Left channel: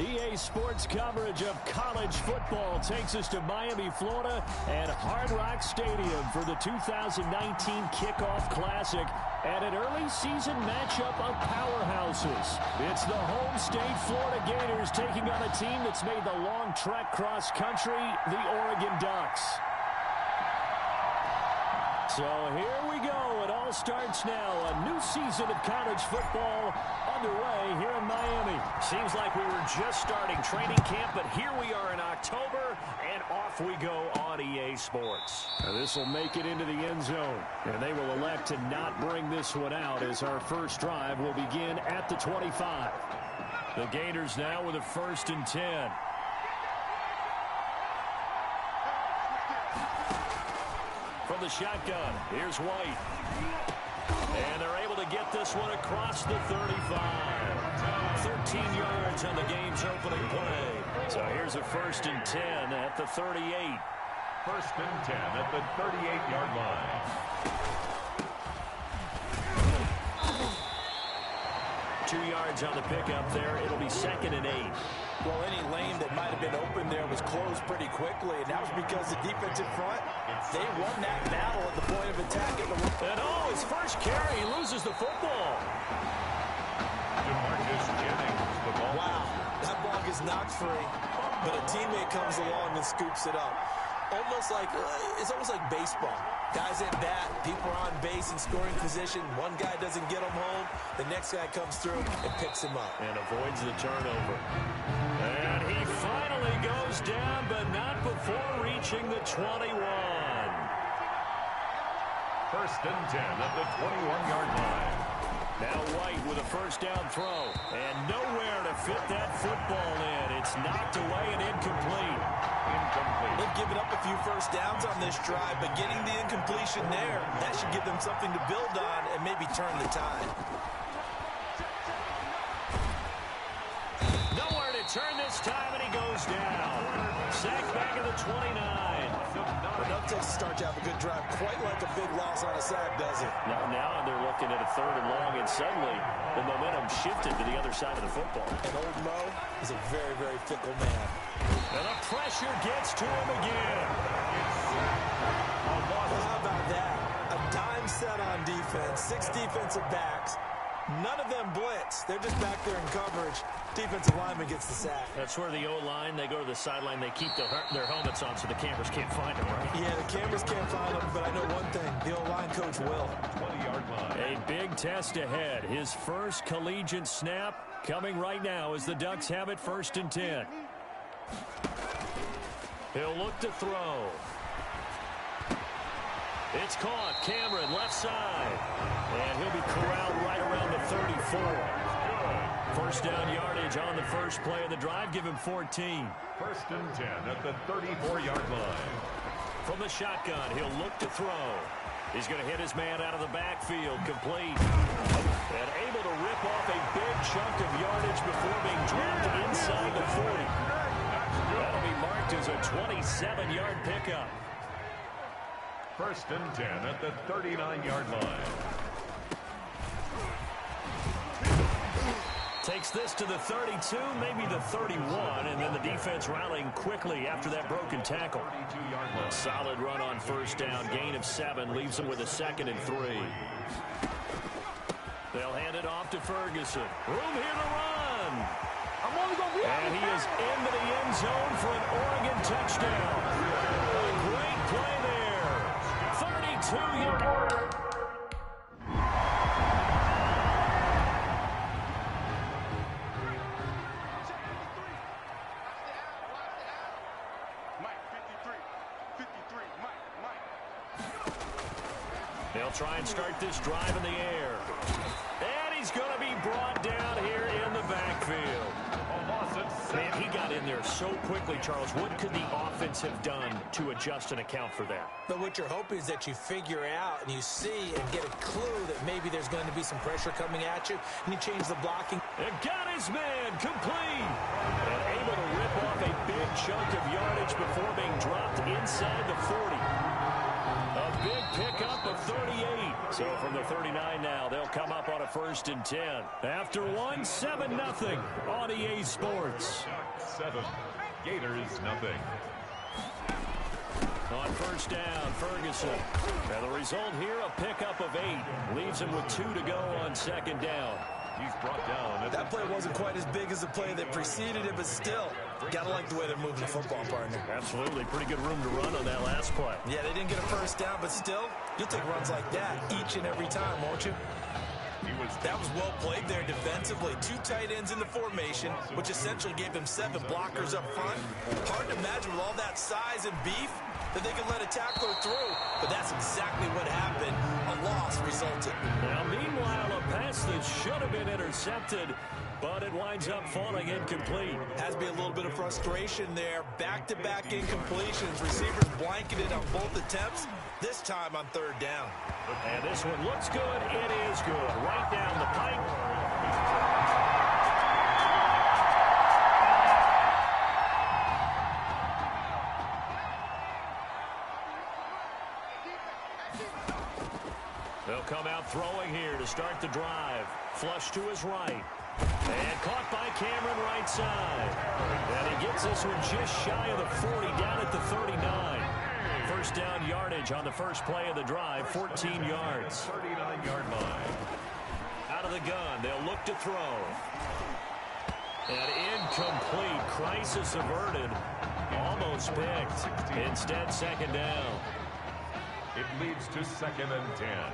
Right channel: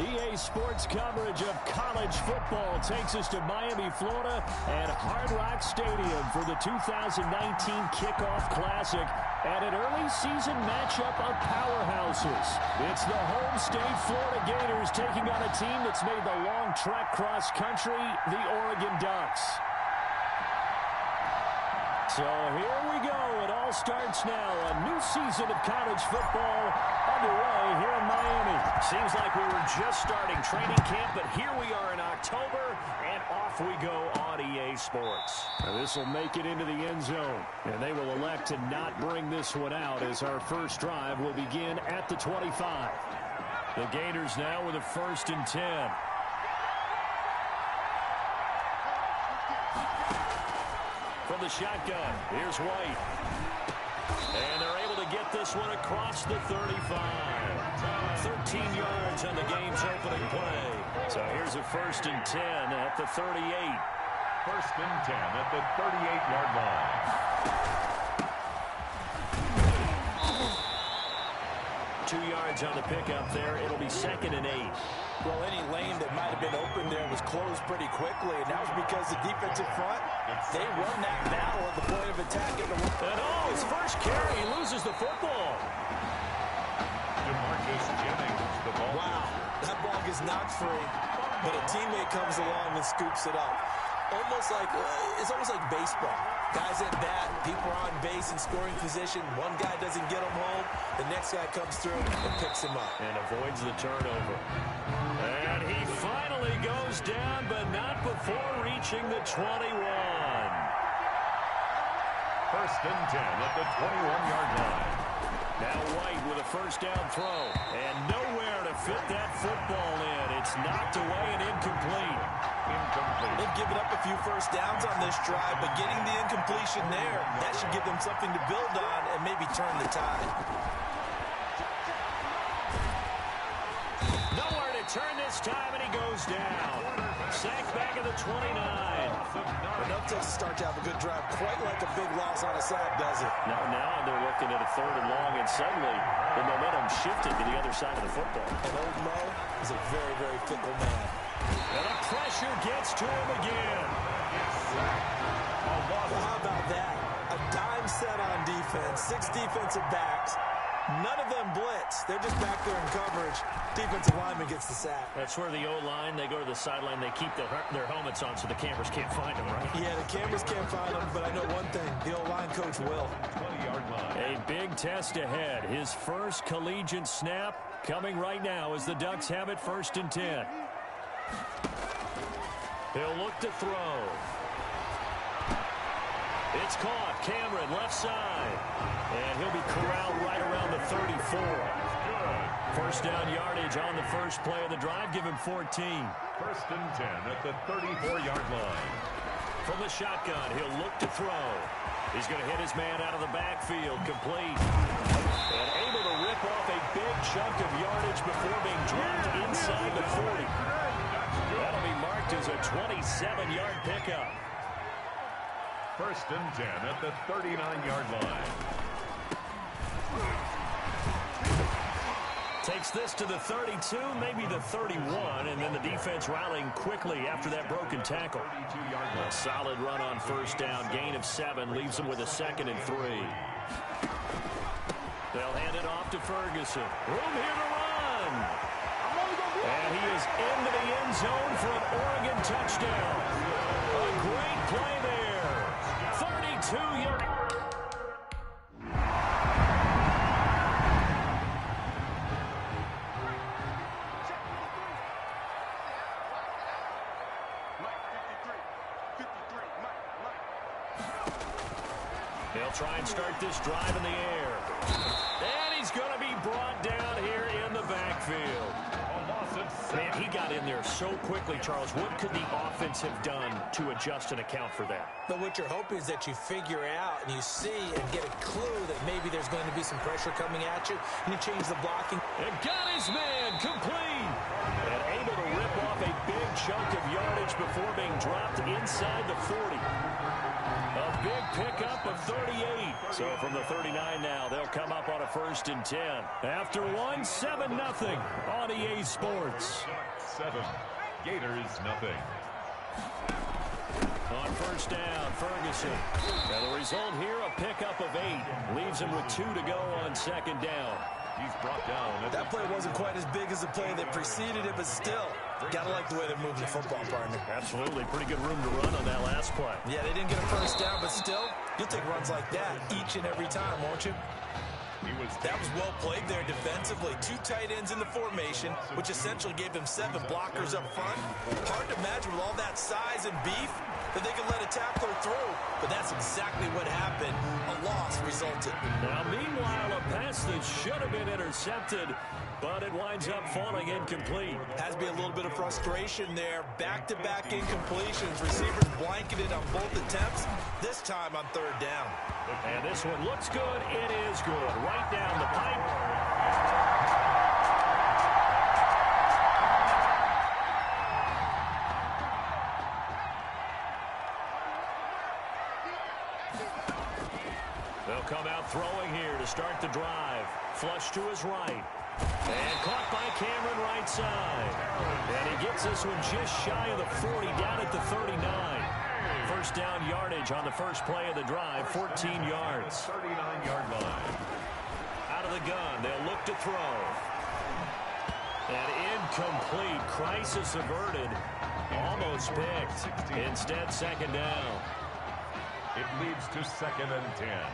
EA Sports coverage of college football takes us to Miami, Florida, and Hard Rock Stadium for the 2019 Kickoff Classic and an early season matchup of powerhouses. It's the home state Florida Gators taking on a team that's made the long trek cross country, the Oregon Ducks. So here we go. It all starts now. A new season of college football underway here in Miami. Seems like we were just starting training camp, but here we are in October, and off we go on EA Sports. This will make it into the end zone, and they will elect to not bring this one out as our first drive will begin at the 25. The Gators now with a 1st and 10. From the shotgun, here's White. And they're able to get this one across the 35. 13 yards on the game's opening play. So here's a 1st and 10 at the 38. 1st and 10 at the 38-yard line. 2 yards on the pickup there. It'll be 2nd and 8. Well, any lane that might have been open there was closed pretty quickly, and that was because the defensive front, they won that battle at the point of attack. And his first carry, he loses the football. DeMarcus Jennings, the ball. Wow, that ball gets knocked free, but a teammate comes along and scoops it up. It's almost like baseball. Guys at bat, people are on base in scoring position. One guy doesn't get him home. The next guy comes through and picks him up. And avoids the turnover. And he finally goes down, but not before reaching the 21. 1st and 10 at the 21-yard line. Now White with a 1st down throw. And nowhere to fit that football in. It's knocked away and incomplete. They've given up a few 1st downs on this drive, but getting the incompletion there, that should give them something to build on and maybe turn the tide. Nowhere to turn this time, and he goes down. Sacked back at the 29. Enough takes to start to have a good drive, quite like a big loss on a sack, does it? Now they're looking at a 3rd and long, and suddenly the momentum shifted to the other side of the football. And old Mo is a very, very fickle man. And the pressure gets to him again. Well, how about that? A dime set on defense, 6 defensive backs. None of them blitz. They're just back there in coverage. Defensive lineman gets the sack. That's where the O-line, they go to the sideline, they keep their helmets on so the cameras can't find them, right? Yeah, the cameras can't find them, but I know one thing. The O-line coach will. 20-yard line. A big test ahead. His first collegiate snap coming right now as the Ducks have it 1st and 10. He'll look to throw. It's caught. Cameron, left side. And he'll be corralled right around the 34. Good. 1st down yardage on the first play of the drive. Give him 14. 1st and 10 at the 34-yard line. From the shotgun, he'll look to throw. He's going to hit his man out of the backfield. Complete. And able to rip off a big chunk of yardage before being dropped inside the 40. That'll be marked as a 27-yard pickup. 1st and 10 at the 39-yard line. Takes this to the 32, maybe the 31, and then the defense rallying quickly after that broken tackle. A solid run on 1st down, gain of 7, leaves them with a 2nd and 3. They'll hand it off to Ferguson. Room here to run. And he is into the end zone for an Oregon touchdown. A great play there. 32-yard. They'll try and start this drive in the air. And he's going to be brought down here in the backfield. Man, he got in there so quickly, Charles. What could the offense have done to adjust and account for that? But what you're hoping is that you figure out and you see and get a clue that maybe there's going to be some pressure coming at you, and you change the blocking. And got his man complete. And able to rip off a big chunk of yardage before being dropped inside the 40. A big pickup of 38. So from the 39 now, they'll come up on a 1st and 10. After one, 7-0 on EA Sports. 7. Gators nothing. On 1st down, Ferguson. And the result here, a pickup of 8. Leaves him with 2 to go on 2nd down. He's brought down. That play wasn't quite as big as the play that preceded it, but still, gotta like the way they're moving the football, partner. Absolutely. Pretty good room to run on that last play. Yeah, they didn't get a 1st down, but still, you'll take runs like that each and every time, won't you? That was well played there defensively. 2 tight ends in the formation, which essentially gave them 7 blockers up front. Hard to imagine with all that size and beef that they could let a tackler through, but that's exactly what happened. A loss resulted. Now, meanwhile, a pass that should have been intercepted, but it winds up falling incomplete. Has to be a little bit of frustration there. Back-to-back incompletions. Receivers blanketed on both attempts, this time on 3rd down. And this one looks good. It is good. Right down the pipe. They'll come out throwing here to start the drive. Flush to his right. And caught by Cameron right side. And he gets this one just shy of the 40, down at the 39. 1st down yardage on the first play of the drive, 14 yards. 39-yard line. Out of the gun, they'll look to throw. And incomplete. Crisis averted. Almost picked. Instead, 2nd down. It leads to 2nd and 10.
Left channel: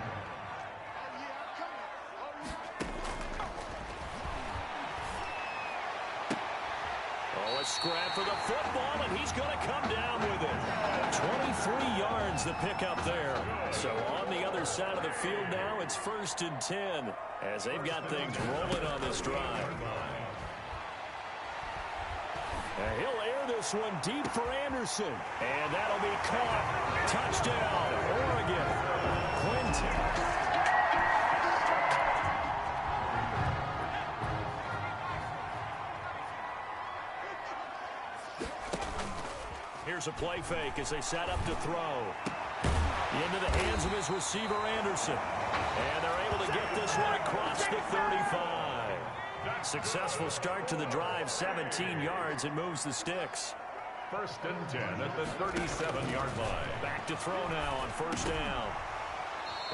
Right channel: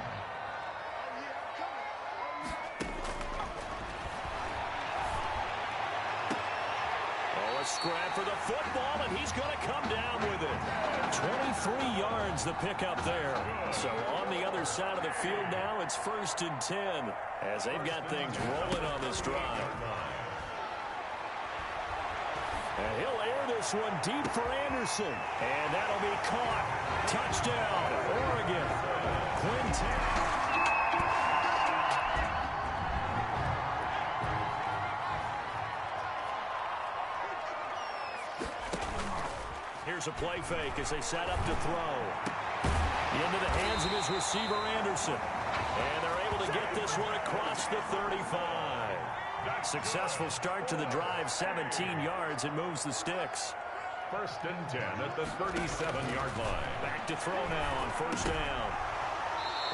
Oh, a scrap for the football, and he's going to come down with it. 23 yards the pickup there. So on the other side of the field now, it's 1st and 10 as they've got things rolling on this drive. And he'll air this one deep for Anderson. And that'll be caught. Touchdown, Oregon. Quinton. Here's a play fake as they set up to throw. Into the hands of his receiver, Anderson. And they're able to get this one across the 35. Successful start to the drive, 17 yards. It moves the sticks. 1st and 10 at the 37-yard line. Back to throw now on 1st down.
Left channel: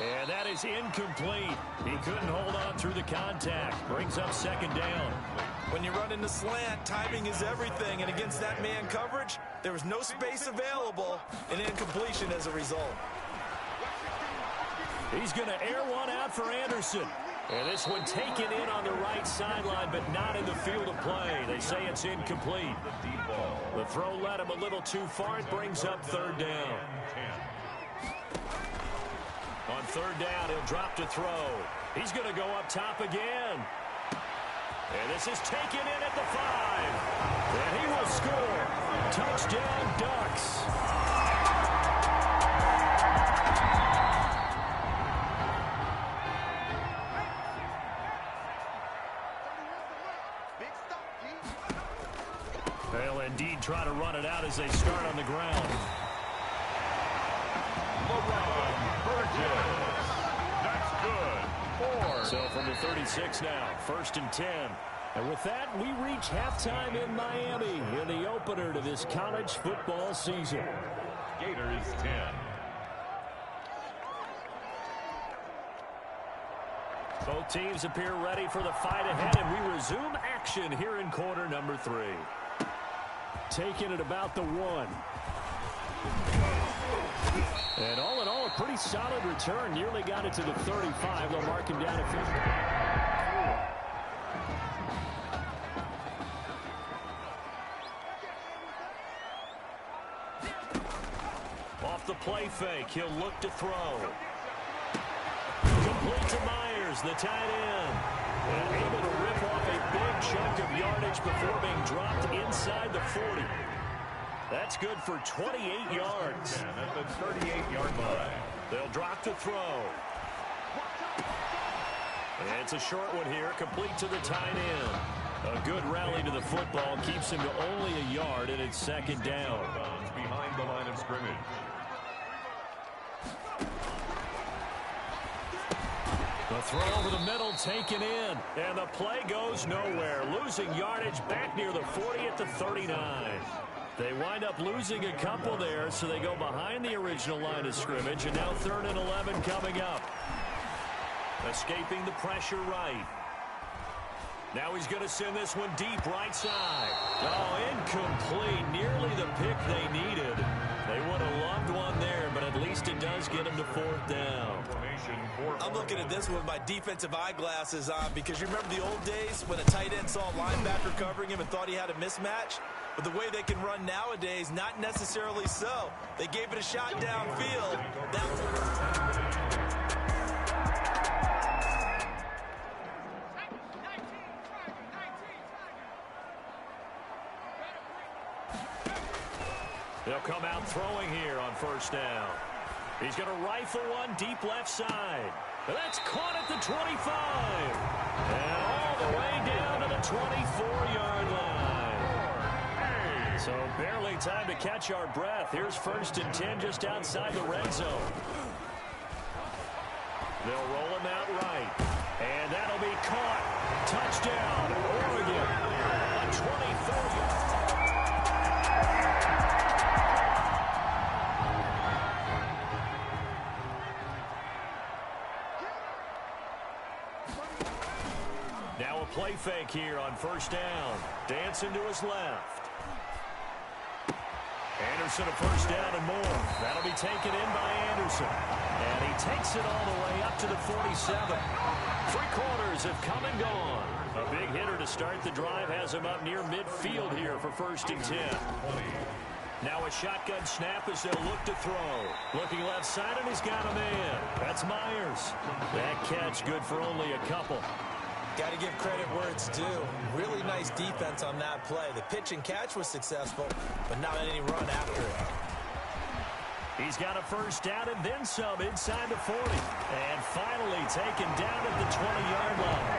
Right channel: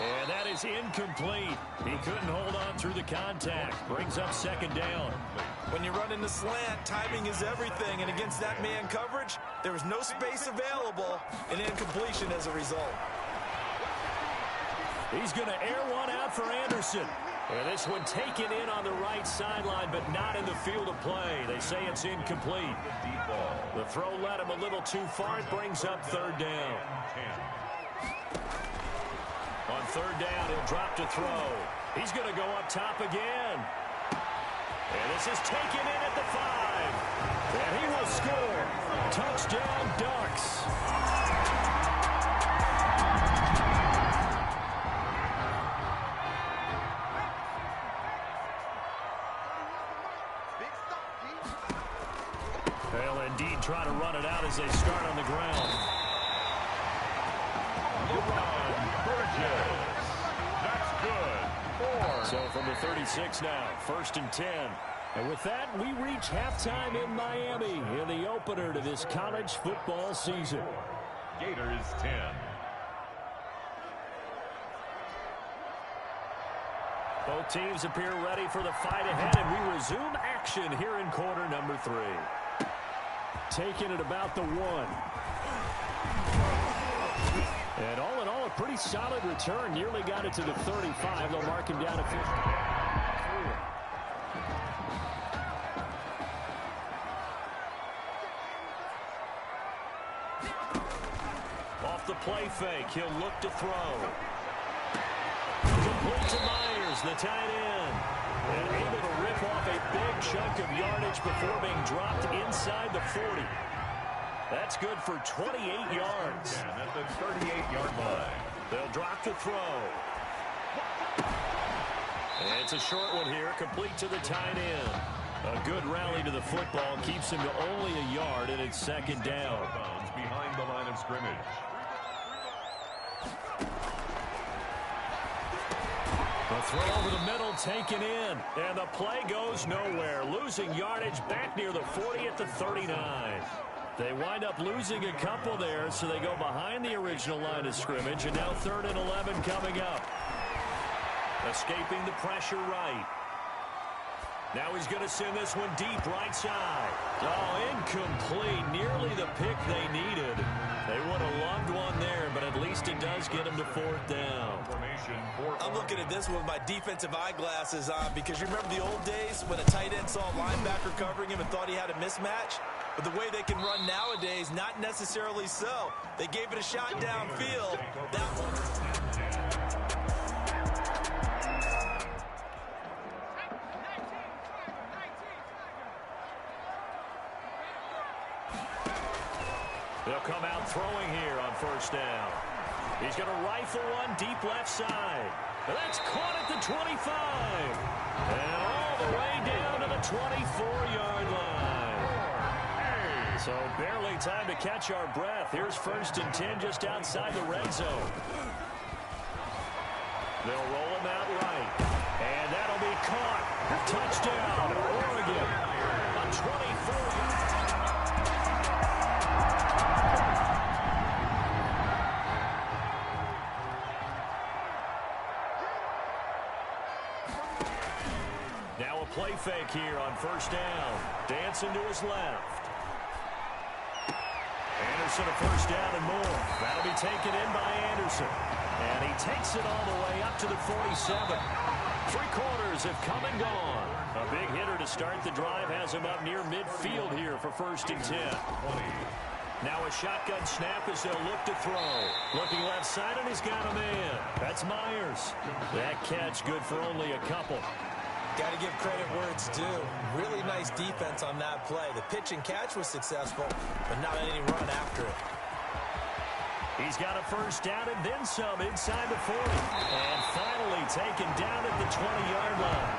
And that is incomplete. He couldn't hold on through the contact. Brings up 2nd down. When you run in the slant, timing is everything. And against that man coverage, there was no space available. An incompletion as a result. He's going to air one out for Anderson. And this one taken in on the right sideline, but not in the field of play. They say it's incomplete. The throw led him a little too far. It brings up 3rd down. On 3rd down, he'll drop to throw. He's going to go up top again. And this is taken in at the 5. And he will score. Touchdown, Ducks. They'll indeed try to run it out as they start on the ground. LeBron Burgess. That's good. 4. So from the 36 now, 1st and 10. And with that, we reach halftime in Miami in the opener to this college football season. Gators 10. Both teams appear ready for the fight ahead, and we resume action here in quarter number 3. Taking it about the 1. And all in all, a pretty solid return. Nearly got it to the 35. They'll mark him down at 50. Off the play fake, he'll look to throw. Complete to Myers, the tight end. And able to rip off a big chunk of yardage before being dropped inside the 40. That's good for 28 yards. At the 38-yard line. They'll drop to throw. And it's a short one here, complete to the tight end. A good rally to the football keeps him to only a yard, and it's second down. Behind the line of scrimmage. The throw over the middle taken in, and the play goes nowhere. Losing yardage back near the 40 at the 39. They wind up losing a couple there, so they go behind the original line of scrimmage, and now 3rd and 11 coming up. Escaping the pressure right. Now he's going to send this one deep right side. Oh, incomplete. Nearly the pick they needed. They would have loved one there, but at least it does get him to 4th down. I'm looking at this with my defensive eyeglasses on because you remember the old days when a tight end saw a linebacker covering him and thought he had a mismatch? But the way they can run nowadays, not necessarily so. They gave it a shot downfield. They'll come out throwing here on 1st down. He's going to rifle one deep left side. And that's caught at the 25. And all the way down to the 24-yard line. So barely time to catch our breath. Here's 1st and 10 just outside the red zone. They'll roll him out right. And that'll be caught. Touchdown, Oregon. A 24-yard. Now a play fake here on 1st down. Dancing to his left. Anderson a 1st down and more. That'll be taken in by Anderson. And he takes it all the way up to the 47. 3 quarters have come and gone. A big hitter to start the drive has him up near midfield here for 1st and 10. Now a shotgun snap as they'll look to throw. Looking left side, and he's got a man. That's Myers. That catch good for only a couple. Got to give credit where it's due. Really nice defense on that play. The pitch and catch was successful, but not any run after it. He's got a 1st down and then some inside the 40. And finally taken down at the 20-yard line.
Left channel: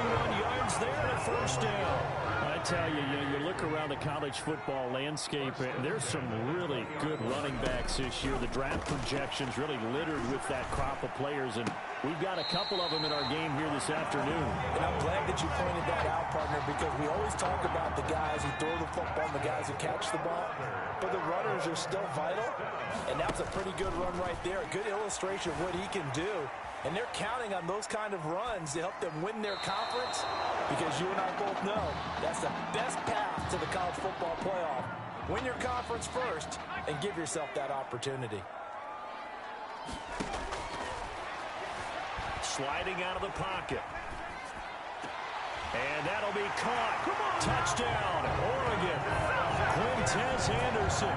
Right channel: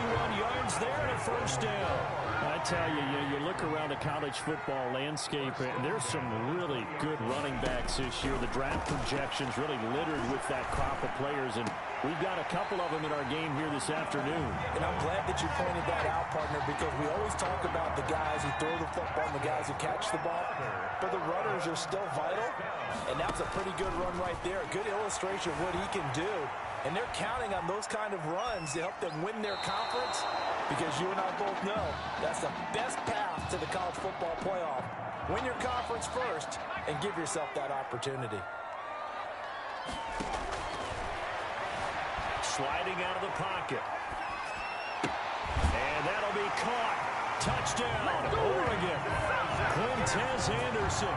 31 yards there and a 1st down. I tell you, you look around the college football landscape, and there's some really good running backs this year. The draft projections really littered with that crop of players, and we've got a couple of them in our game here this afternoon. And I'm glad that you pointed that out, partner, because we always talk about the guys who throw the football and the guys who catch the ball, but the runners are still vital, and that's a pretty good run right there. A good illustration of what he can do. And they're counting on those kind of runs to help them win their conference, because you and I both know that's the best path to the college football playoff. Win your conference first and give yourself that opportunity. Sliding out of the pocket. And that'll be caught. Touchdown, Oregon. Quintez Anderson.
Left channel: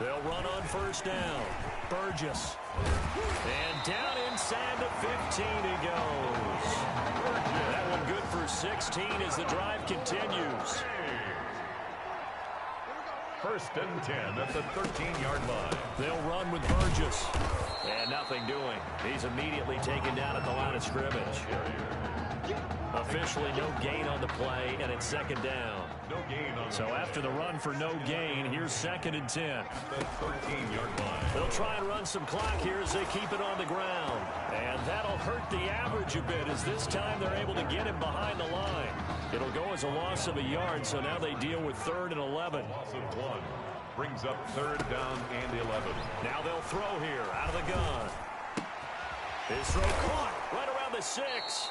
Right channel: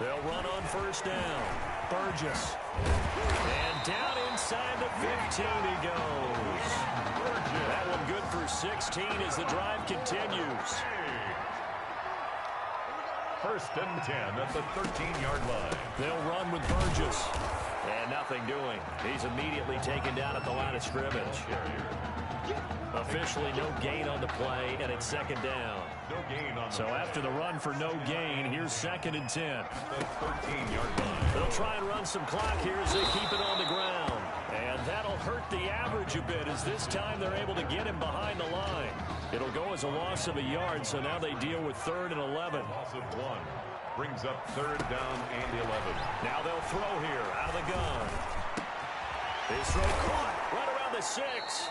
They'll run on 1st down. Burgess. And down inside the 15 he goes. That one good for 16 as the drive continues. 1st and 10 at the 13-yard line. They'll run with Burgess. And nothing doing. He's immediately taken down at the line of scrimmage. Officially no gain on the play, and it's 2nd down. No gain on the So after the run for no gain, here's 2nd and 10. the 13-yard line. They'll try and run some clock here as they keep it on the ground. And that'll hurt the average a bit, as this time they're able to get him behind the line. It'll go as a loss of a yard, so now they deal with 3rd and 11. Loss of 1 brings up 3rd down and 11. Now they'll throw here out of the gun. His throw caught right around the 6.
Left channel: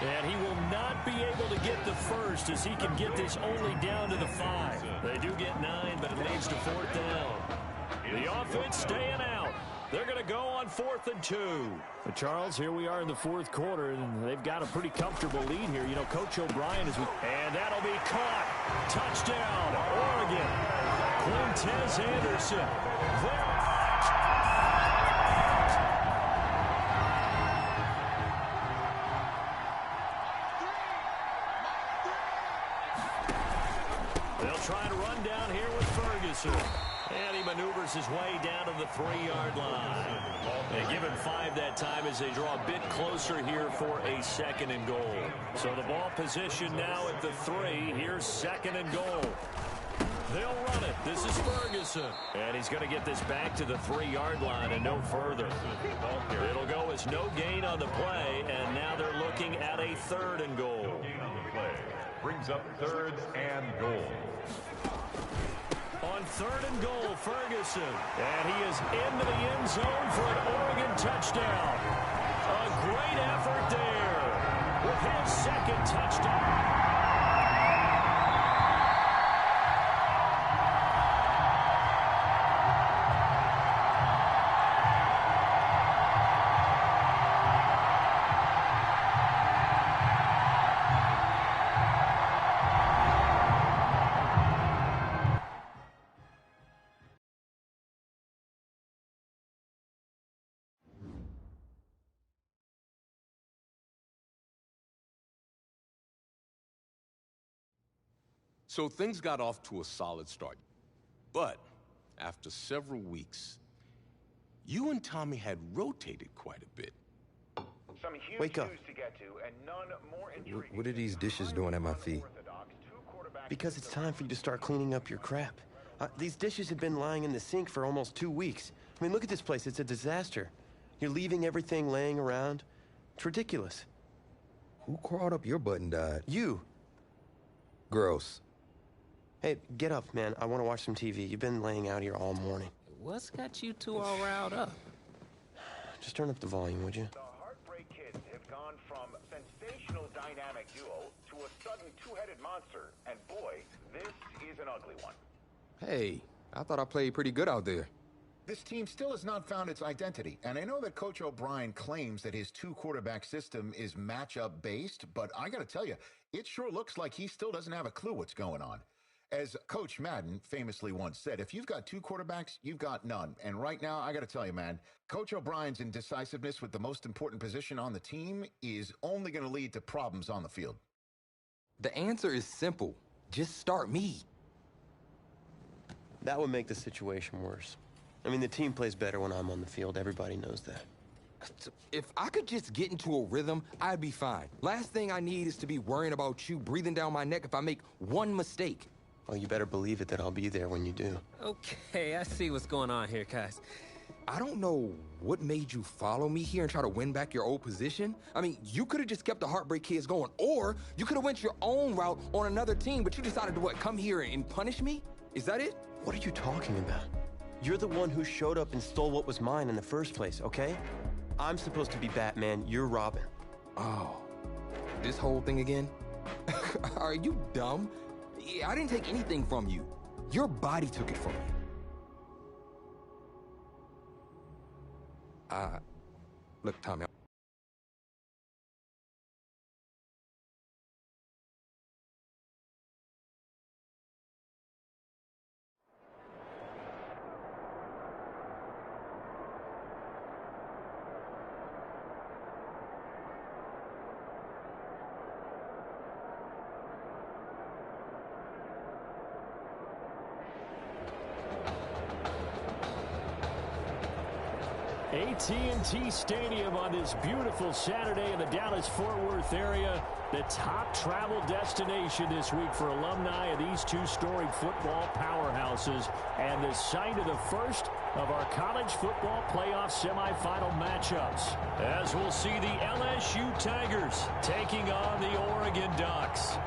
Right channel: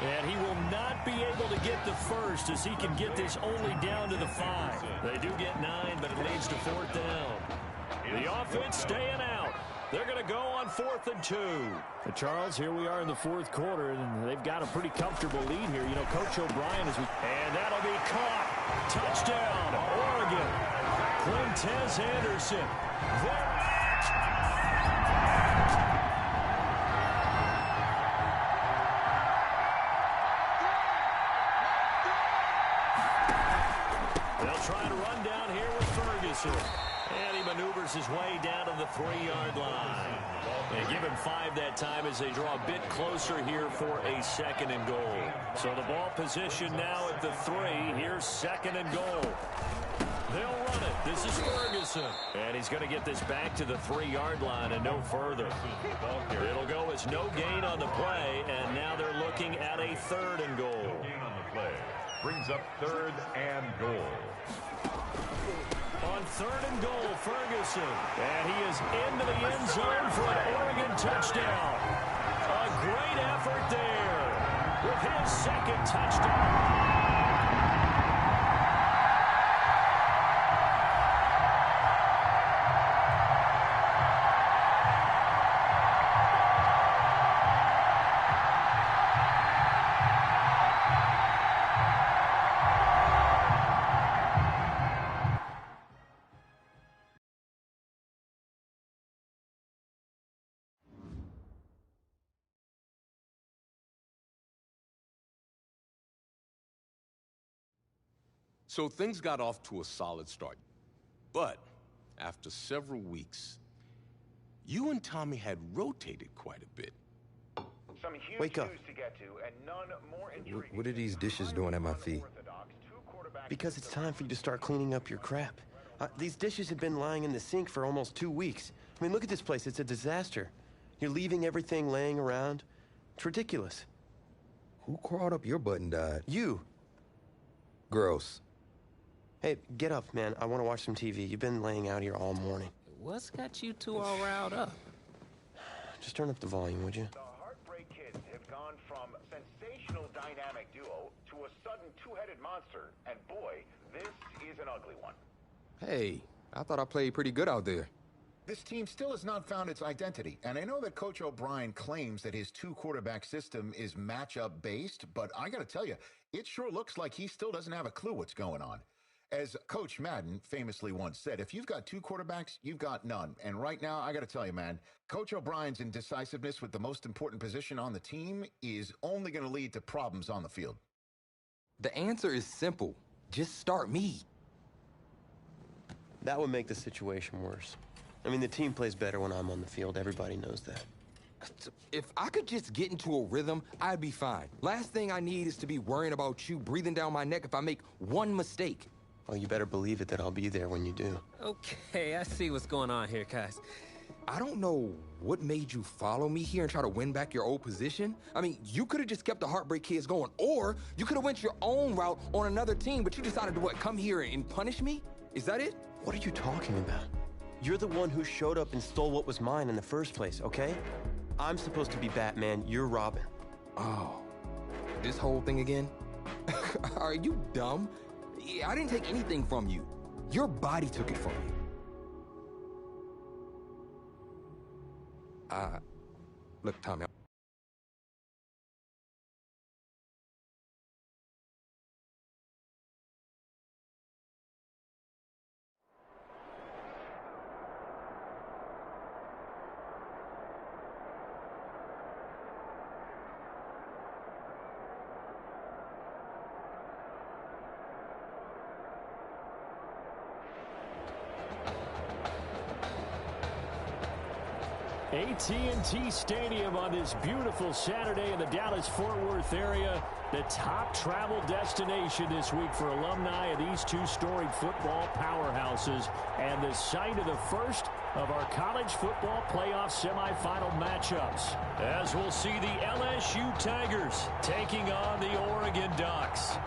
And he will not be able to get the 1st, as he can get this only down to the 5. They do get 9, but it leads to 4th down. The offense staying out. They're going to go on 4th and 2. Charles, here we are in the 4th quarter, and they've got a pretty comfortable lead here. You know, Coach O'Brien is... And that'll be caught. Touchdown, Oregon. Quintez Anderson. There. They'll try Ferguson. And he maneuvers his way down to the 3-yard line. They give him 5 that time as they draw a bit closer here for a 2nd and goal. So the ball position now at the 3. Here's 2nd and goal. They'll run it. This is Ferguson. And he's going to get this back to the 3-yard line and no further. It'll go as no gain on the play, and now they're looking at a 3rd and goal. No gain on the play. Brings up 3rd and goal. On 3rd and goal, Ferguson. And he is into the end zone for an Oregon touchdown. A great effort there with his 2nd touchdown. So things got off to a solid start. But after several weeks, you and Tommy had rotated quite a bit. Wake up. What are these dishes doing at my feet? Because it's time for you to start cleaning up your crap. These dishes have been lying in the sink for almost 2 weeks. I mean, look at this place. It's a disaster. You're leaving everything laying around. It's ridiculous. Who crawled up your butt and died? You. Gross. Hey, get up, man. I want to watch some TV. You've been laying out here all morning. What's got you two all riled up? Just turn up the volume, would you? The Heartbreak Kids have gone from sensational dynamic duo to a sudden two-headed monster. And boy, this is an ugly one. Hey, I thought I played pretty good out there. This team still has not found its identity, and I know that Coach O'Brien claims that his 2-quarterback system is matchup-based, but I gotta tell you, it sure looks like he still doesn't have a clue what's going on. As Coach Madden famously once said, if you've got 2 quarterbacks, you've got none. And right now, I gotta tell you, man, Coach O'Brien's indecisiveness with the most important position on the team is only gonna lead to problems on the field. The answer is simple. Just start me. That would make the situation worse. I mean, the team plays better when I'm on the field. Everybody knows that. If I could just get into a rhythm, I'd be fine. Last thing I need is to be worrying about you breathing down my neck if I make one mistake. Well, you better believe it that I'll be there when you do. Okay, I see what's going on here, guys. I don't know what made you follow me here and try to win back your old position. I mean, you could have just kept the Heartbreak Kids going, or you could have went your own route on another team, but you decided to, what, come here and punish me? Is that it? What are you talking about? You're the one who showed up and stole what was mine in the first place, okay? I'm supposed to be Batman, you're Robin. Oh, this whole thing again? Are you dumb? I didn't take anything from you. Your body took it from you. Look, Tommy. AT&T Stadium on this beautiful Saturday in the Dallas-Fort Worth area. The top travel destination this week for alumni of these 2 storied football powerhouses, and the site of the first of our college football playoff semifinal matchups, as we'll see the LSU Tigers taking on the Oregon Ducks.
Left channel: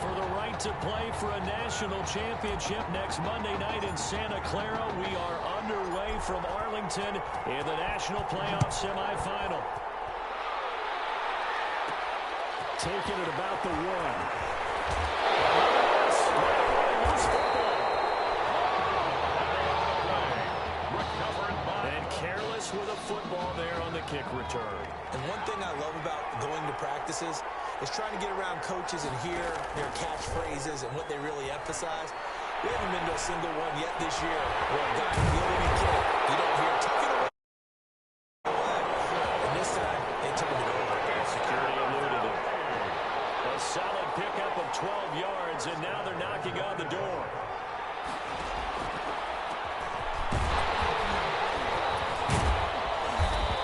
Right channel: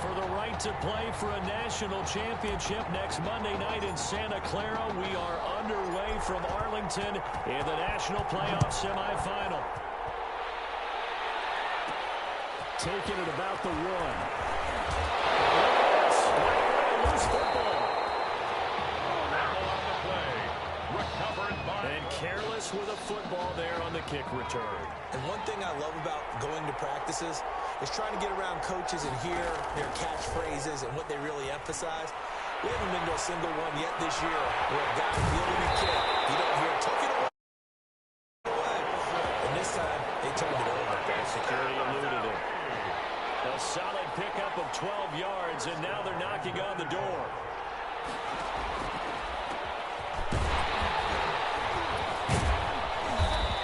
For the right to play for a national championship next Monday night in Santa Clara, we are underway from Arlington in the national playoff semifinal. Taking it about the 1. Right away, loose football. On the play. Recovered by... And careless with a football there on the kick return. And one thing I love about going to practices is trying to get around coaches and hear their catchphrases and what they really emphasize. We haven't been to a single one yet this year where a guy fielding a kick, you don't hear, tuck it away. And this time, they turned it over. And security eluded him. A solid pickup of 12 yards, and now they're knocking on the door.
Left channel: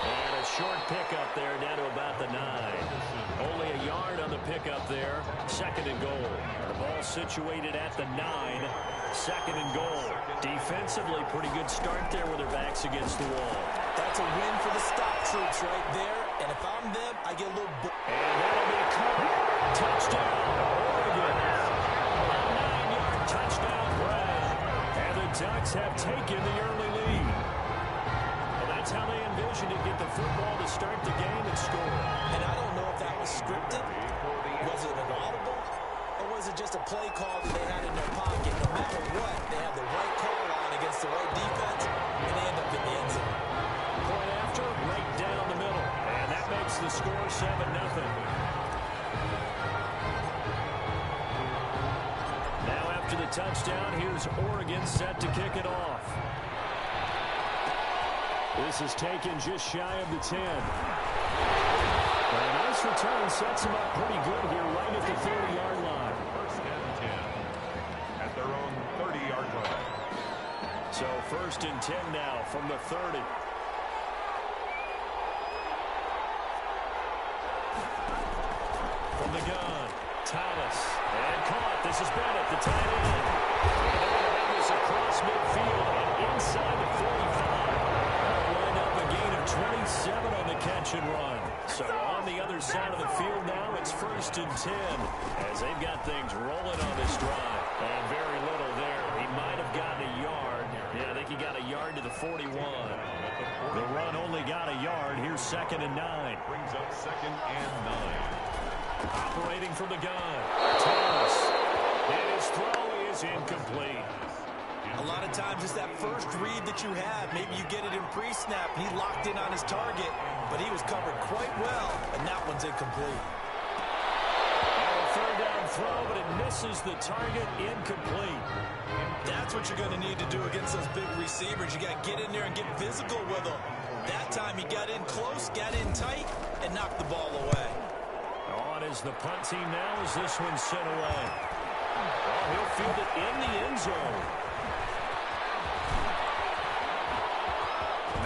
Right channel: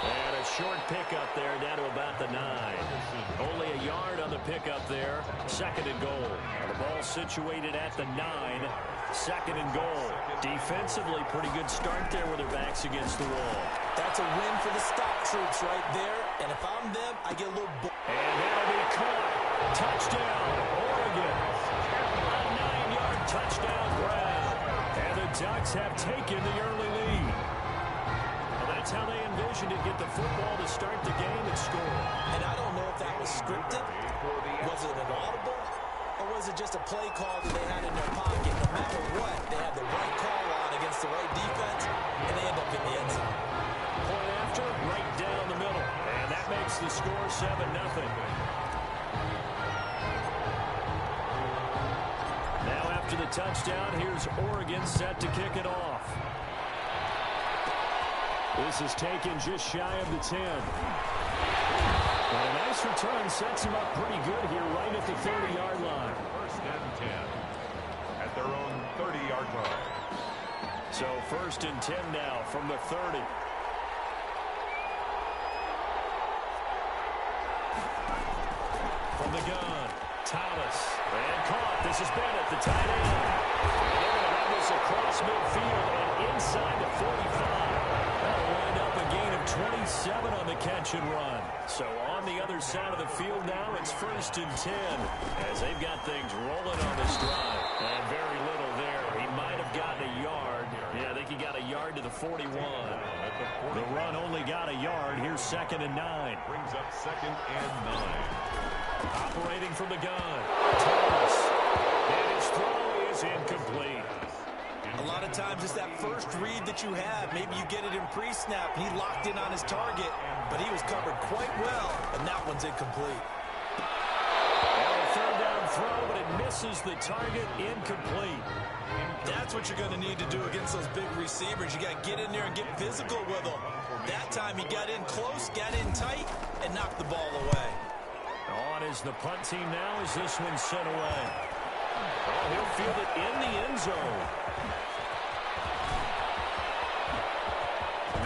And a short pickup there down to about the 9. Only a yard on the pickup there. 2nd and goal. The ball situated at the 9. 2nd and goal. Defensively, pretty good start there with their backs against the wall. That's a win for the stop troops right there. And if I'm them, I get a little... And that'll be caught. Touchdown, Oregon. A 9-yard touchdown grab. And the Ducks have taken the early lead. Well, that's how they envisioned it. Get the football to start the game and score. And I don't know if that was scripted. Was it an audible? Or was it just a play call that they had in their pocket? No matter what, they had the right call on against the right defense, and they end up in the end zone. Point after, right down the middle. And that makes the score 7-0. Now after the touchdown, here's Oregon set to kick it off. This is taken just shy of the 10. And a nice return sets them up pretty good here right at the 30-yard line. 1st and 10 at their own 30-yard line. So 1st and 10 now from the 30. From the gun, Thomas. And caught. This is Bennett, the tight end. And they're going to have this across midfield and inside the 45. That'll wind up a gain of 27 on the catch and run. So on the other side of the field now, it's 1st and 10 as they've got things rolling on this drive. And very little there. He might have gotten a yard. Yeah, I think he got a yard to the 41. The run only got a yard. Here's 2nd and 9. Brings up 2nd and 9. Operating from the gun, Thomas. And his throw is incomplete. A lot of times it's that first read that you have. Maybe you get it in pre-snap. He locked in on his target, but he was covered quite well, and that one's incomplete. And a 3rd down throw, but it misses the target, incomplete. That's what you're going to need to do against those big receivers. You got to get in there and get physical with them. That time he got in close, got in tight, and knocked the ball away. On is the punt team now as this one's sent away. Oh, he'll field it in the end zone.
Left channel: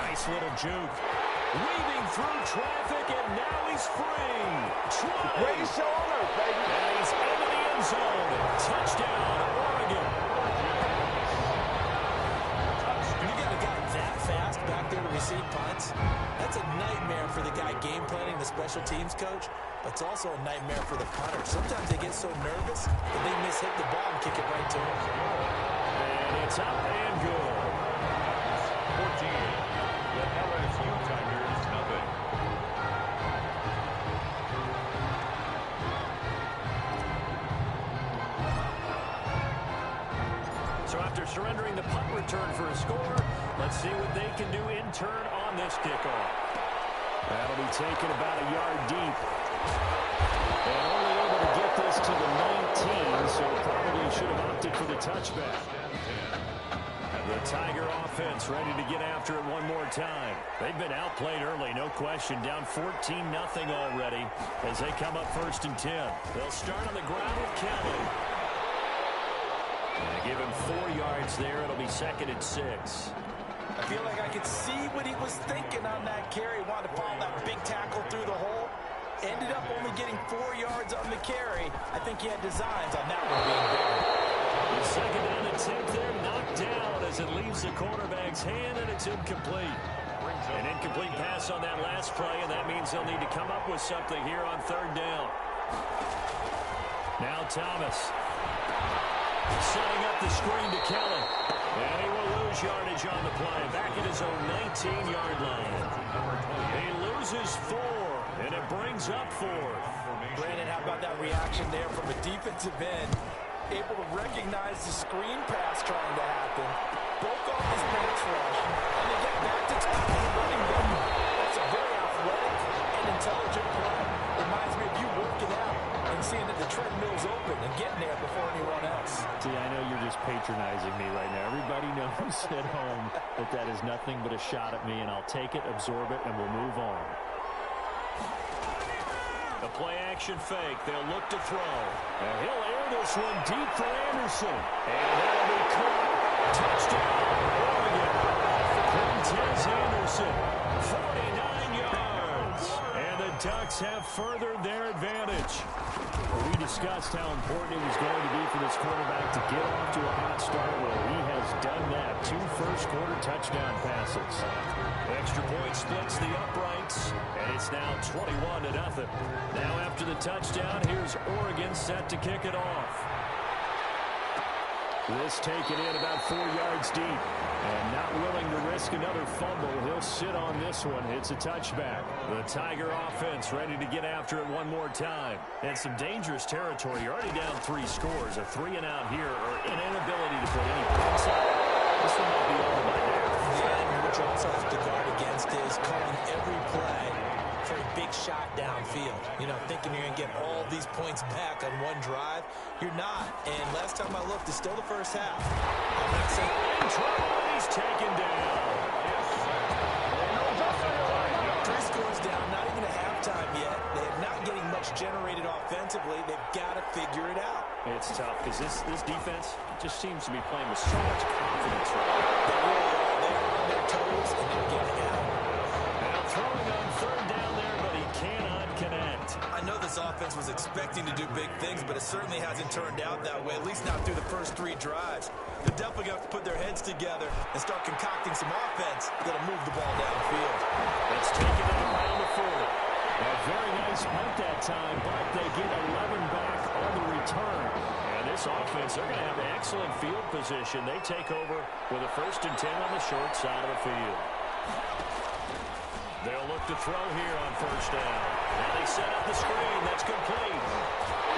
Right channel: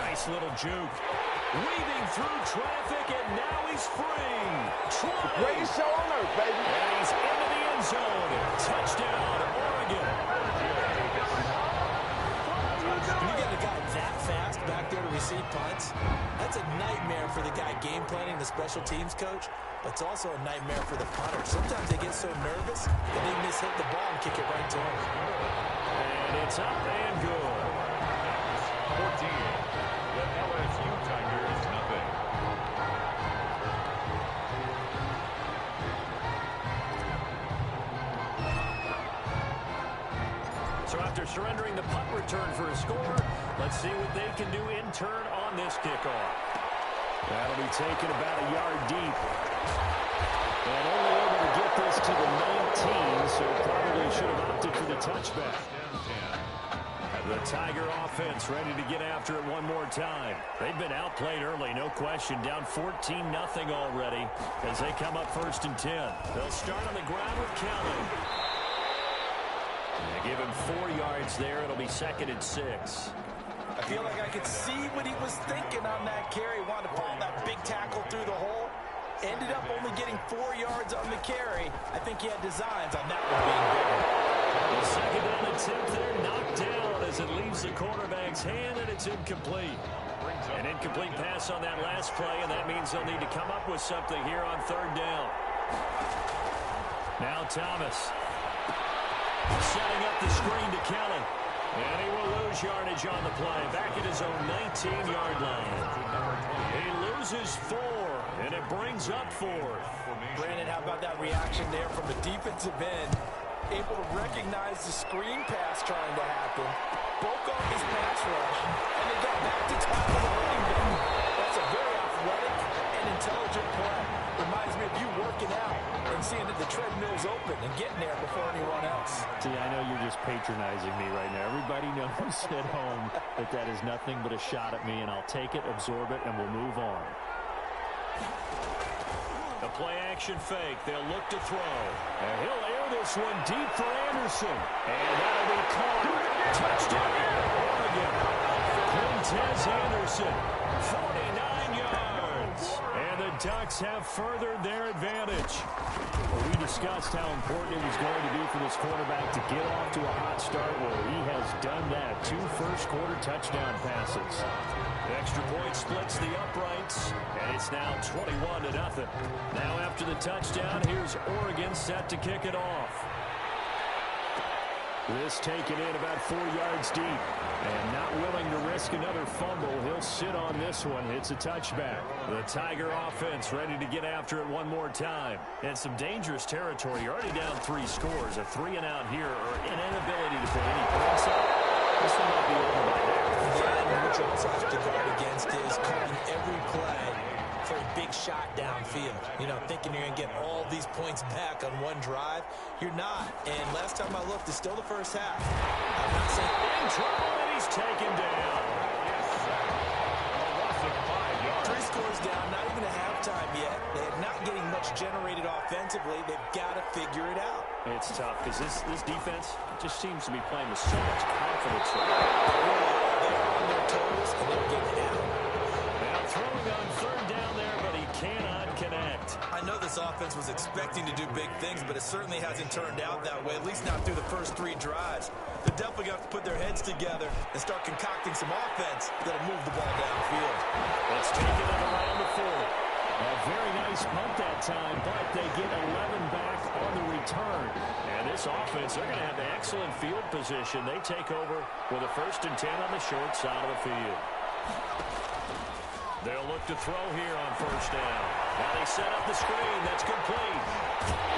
Nice little juke. Weaving through traffic, and now he's free. Greatest show on earth, baby. And he's into the end zone. Touchdown, Oregon. You got a guy that fast back there to receive punts. That's a nightmare for the guy game planning, the special teams coach. But it's also a nightmare for the punter. Sometimes they get so nervous that they mishit the ball and kick it right to him. And it's up and good. 14. The LSU Tigers, nothing. So after surrendering the punt return for a score, let's see what they can do in turn on this kickoff. That'll be taken about a yard deep. And only able to get this to the 19, so probably should have opted for the touchback. The Tiger offense ready to get after it one more time. They've been outplayed early, no question. Down 14-0 already as they come up 1st and 10. They'll start on the ground with Kelly. And give him 4 yards there. It'll be 2nd and 6. I feel like I could see what he was thinking on that carry. Wanted to follow that big tackle through the hole. Ended up only getting 4 yards on the carry. I think he had designs on that one being bigger. The 2nd down attempt there knocked down as it leaves the quarterback's hand, and it's incomplete. An incomplete pass on that last play, and that means they'll need to come up with something here on 3rd down. Now Thomas setting up the screen to Kelly. And he will lose yardage on the play. Back at his own 19-yard line. He loses 4, and it brings up 4. Brandon, how about that reaction there from the defensive end? Able to recognize the screen pass trying to happen. Broke off his pass rush, and then get back to tackle the running back. That's a very athletic and intelligent play. Reminds me of you working out and seeing that the treadmill's open and getting there before anyone else. See, I know you're just patronizing me right now. Everybody knows at home that that is nothing but a shot at me, and I'll take it, absorb it, and we'll move on. A play-action fake. They'll look to throw. And he'll air this one deep for Anderson. And that'll be caught. Touchdown, Oregon. Quintez Anderson, 49 yards. And the Ducks have furthered their advantage. We discussed how important it was going to be for this quarterback to get off to a hot start. Well, he has done that. 2 first-quarter touchdown passes. Extra point splits the uprights, and it's now 21-0. Now after the touchdown, here's Oregon set to kick it off. This taken in about 4 yards deep. And not willing to risk another fumble. He'll sit on this one. It's a touchback. The Tiger offense ready to get after it one more time. And some dangerous territory. You're already down 3 scores. A 3-and-out here or an inability to put any points up. This one might be over by there. Yeah, what you also have to guard against is calling every play for a big shot downfield. You know, thinking you're going to get all these points back on one drive. You're not. And last time I looked, it's still the first half. I'm not saying in trouble, and he's taken down. Yes, sir. No loss of 5 yards. 3 scores down, not even a halftime yet. They're not getting much generated offensively. They've got to figure it out. It's tough because this defense just seems to be playing with so much confidence right now. They really are. They're on their toes, and they're getting out. Now throwing on 3rd down there, but he cannot connect. I know this offense was expecting to do big things, but it certainly hasn't turned out that way, at least not through the first 3 drives. They're definitely going to have to put their heads together and start concocting some offense that'll move the ball downfield. Let's take it around the 40. A very nice punt that time, but they get 11 back on the return. And this offense, they're going to have excellent field position. They take over with a 1st and 10 on the short side of the field. They'll look to throw here on 1st down. Now they set up the screen. That's complete.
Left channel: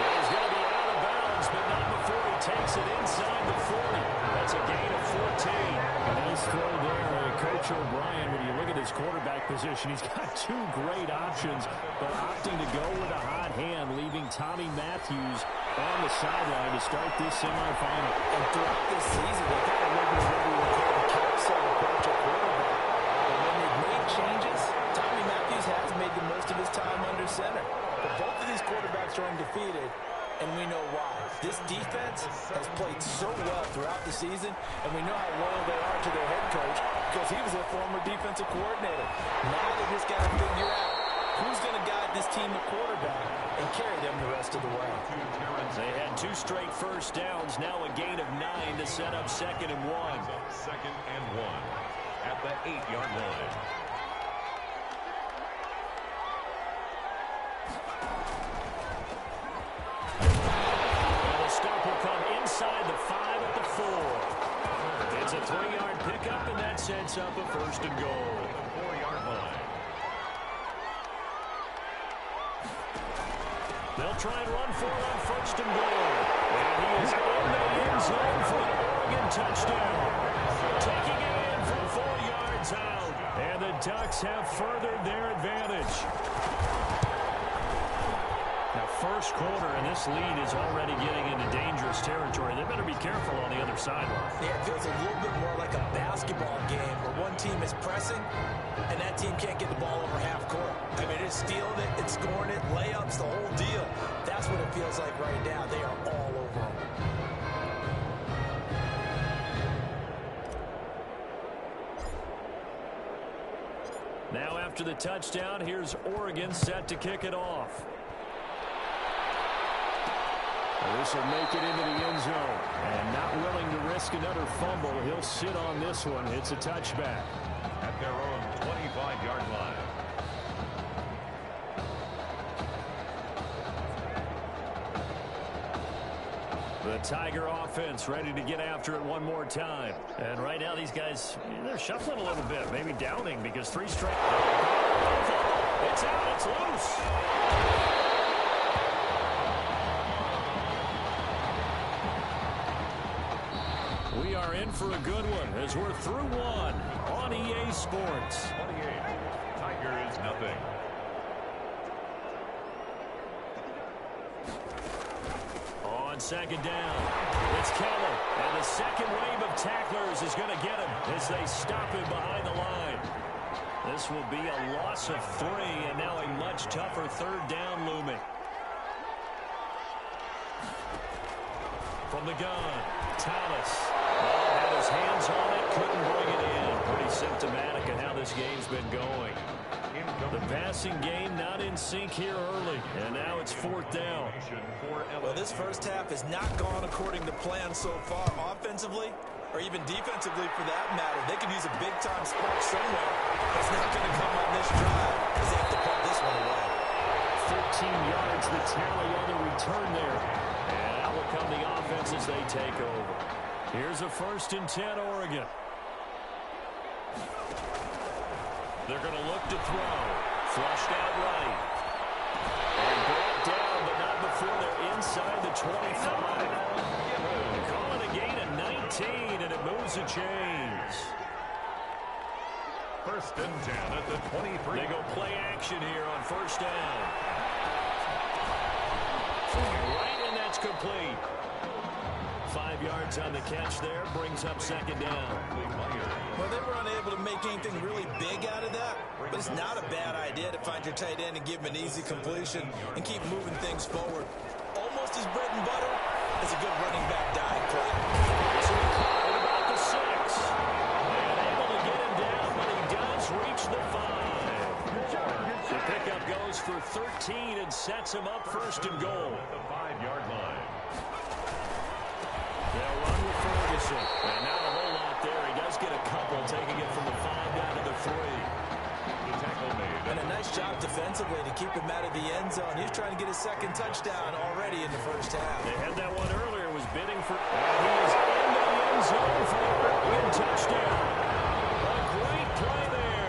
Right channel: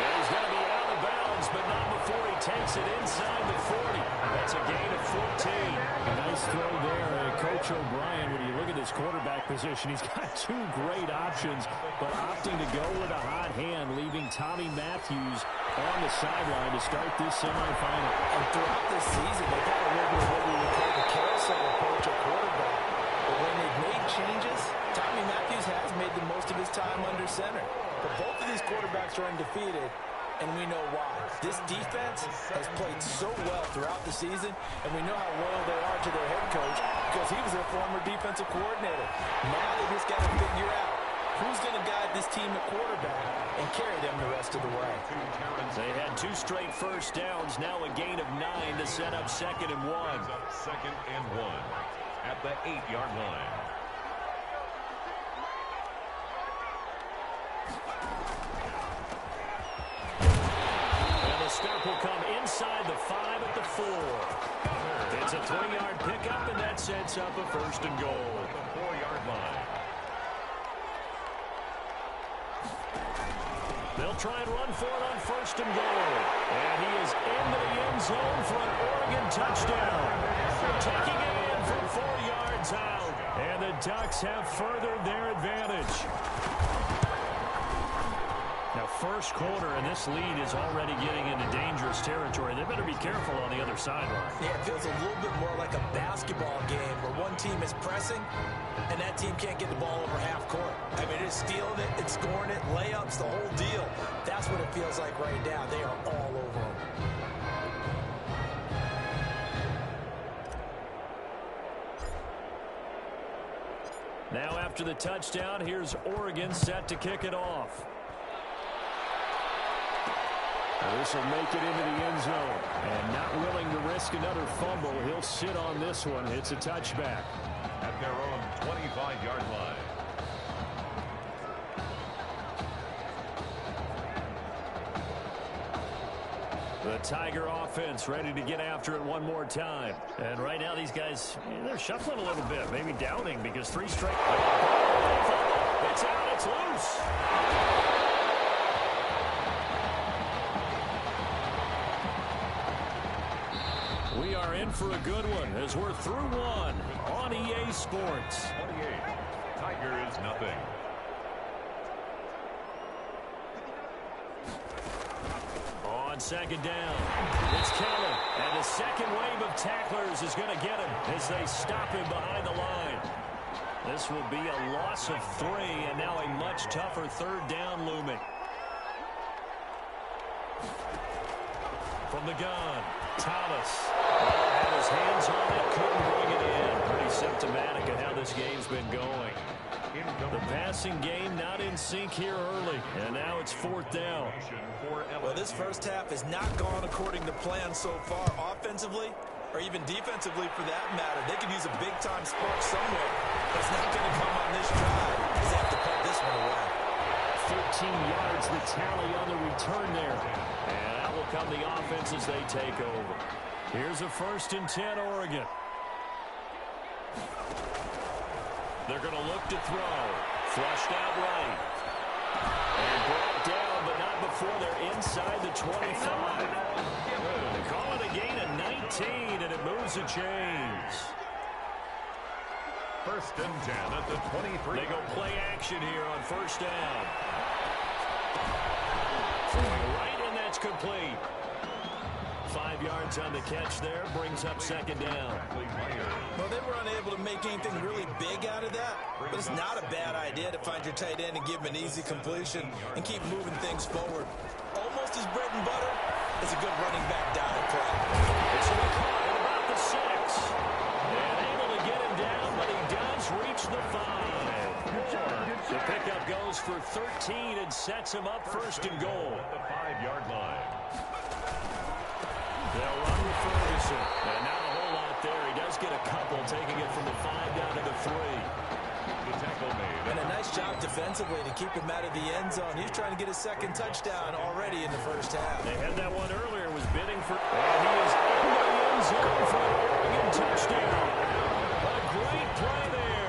And he's going to be out of bounds, but not before he takes it inside the 40. That's a gain of 14. A nice throw there. Coach O'Brien, when you look at his quarterback position, he's got 2 great options, but opting to go with a hot hand, leaving Tommy Matthews on the sideline to start this semifinal. And throughout this season, they've got a little bit of what we would call the carousel approach at quarterback. But when they've made changes, Tommy Matthews has made the most of his time under center. But both of these quarterbacks are undefeated, and we know why. This defense has played so well throughout the season, and we know how loyal they are to their head coach because he was their former defensive coordinator. Now they just got to figure out who's going to guide this team at quarterback and carry them the rest of the way. They had 2 straight 1st downs, now a gain of 9 to set up 2nd and 1. 2nd and 1 at the 8-yard line. And the stop will come inside the 5 at the 4. It's a 3-yard pickup, and that sets up a 1st and goal. At the 4-yard line. They'll try and run for it on 1st and goal. And he is into the end zone for an Oregon touchdown. Taking it in from 4 yards out. And the Ducks have furthered their advantage. Now, 1st quarter, and this lead is already getting into dangerous territory. They better be careful on the other sideline. Yeah, it feels a little bit more like a basketball game where one team is pressing and that team can't get the ball over half court. I mean, it's stealing it, it's scoring it, layups, the whole deal. That's what it feels like right now. They are all over them. Now after the touchdown, here's Oregon set to kick it off. This will make it into the end zone. And not willing to risk another fumble, he'll sit on this one. It's a touchback. At their own 25-yard line. The Tiger offense ready to get after it one more time. And right now these guys, they're shuffling a little bit, maybe doubting because 3 straight. It's out, it's loose. We are in for a good one as we're through one on EA Sports. 28. Tigers nothing. On 2nd down, it's Keller. And the second wave of tacklers is going to get him as they stop him behind the line. This will be a loss of 3, and now a much tougher third down looming. From the gun, Thomas. Had his hands on it, couldn't bring it in. Pretty symptomatic of how this game's been going. The passing game not in sync here early, and now it's 4th down. Well, this first half has not gone according to plan so far offensively, or even defensively for that matter. They could use a big-time spark somewhere, but it's not going to come on this drive because they have to put this one away. 13 yards, the tally on the return there. And out will come the offense as they take over. Here's a 1st and 10, Oregon. They're going to look to throw. Flushed out right. And brought down, but not before they're inside the 25. They call it a gain of 19, and it moves the chains. 1st and 10 at the 23. They go play action here on 1st down. Throwing right, and that's complete. 5 yards on the catch there, brings up 2nd down. Well, they were unable to make anything really big out of that, but it's not a bad idea to find your tight end and give him an easy completion and keep moving things forward. Almost as bread and butter as a good running back dive play. This will be caught at about the 6. And able to get him down, but he does reach the 5. The pickup goes for 13 and sets him up 1st and goal. At the 5-yard line. They'll run with Ferguson. And not a whole lot there. He does get a couple, taking it from the 5 down to the 3. The tackle made. And a nice job defensively to keep him out of the end zone. He's trying to get his 2nd touchdown already in the 1st half. They had that one earlier, was bidding for, and he is into the end zone for the Oregon touchdown. A great play there.